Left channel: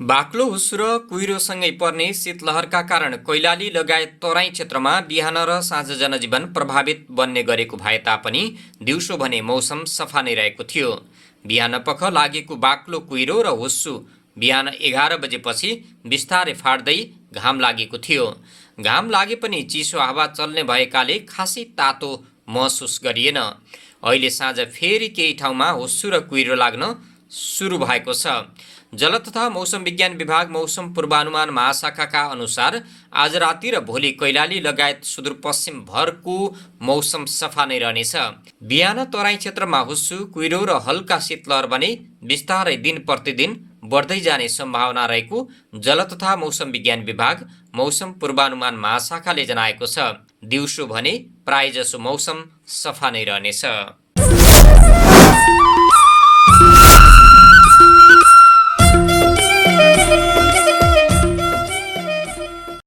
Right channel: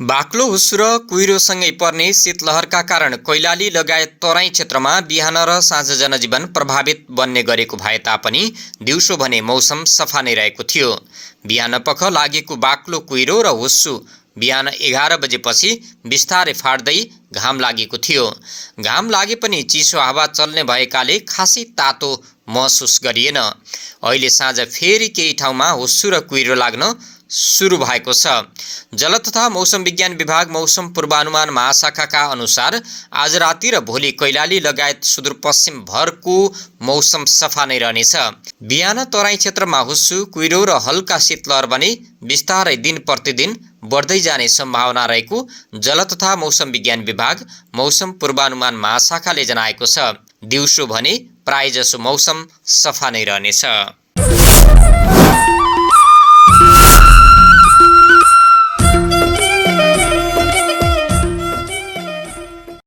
बाक्लो हुस्सु र कुहिरोसँगै पर्ने शीतलहरका कारण कैलाली लगायत तराई क्षेत्रमा बिहान र साँझ जनजीवन प्रभावित बन्ने गरेको भए तापनि दिउँसो भने मौसम सफा नै रहेको थियो। बिहानपख लागेको बाक्लो कुहिरो र हुस्सु बिहान 11 बजेपछि बिस्तारै फाट्दै घाम लागेको थियो। घाम लागे पनि चिसो हावा चल्ने भएकाले खासै तातो महसुस गरिएन। अहिले साँझ फेरि केही ठाउँमा हुस्सु र कुहिरो लाग्न सुरु भएको छ। जल तथा मौसम विज्ञान विभाग मौसम पूर्वानुमान महाशाखाका अनुसार आज राति र भोलि कैलाली लगायत सुदूरपश्चिम भरको मौसम सफा नै रहनेछ। बिहान तराई क्षेत्रमा हुस्सु कुहिरो र हल्का शीतलहर भने बिस्तारै दिन प्रतिदिन बढ्दै जाने सम्भावना रहेको जल तथा मौसम विज्ञान विभाग मौसम पूर्वानुमान महाशाखाले जनाएको छ। दिउँसो भने प्रायजसो मौसम सफा नै रहनेछ।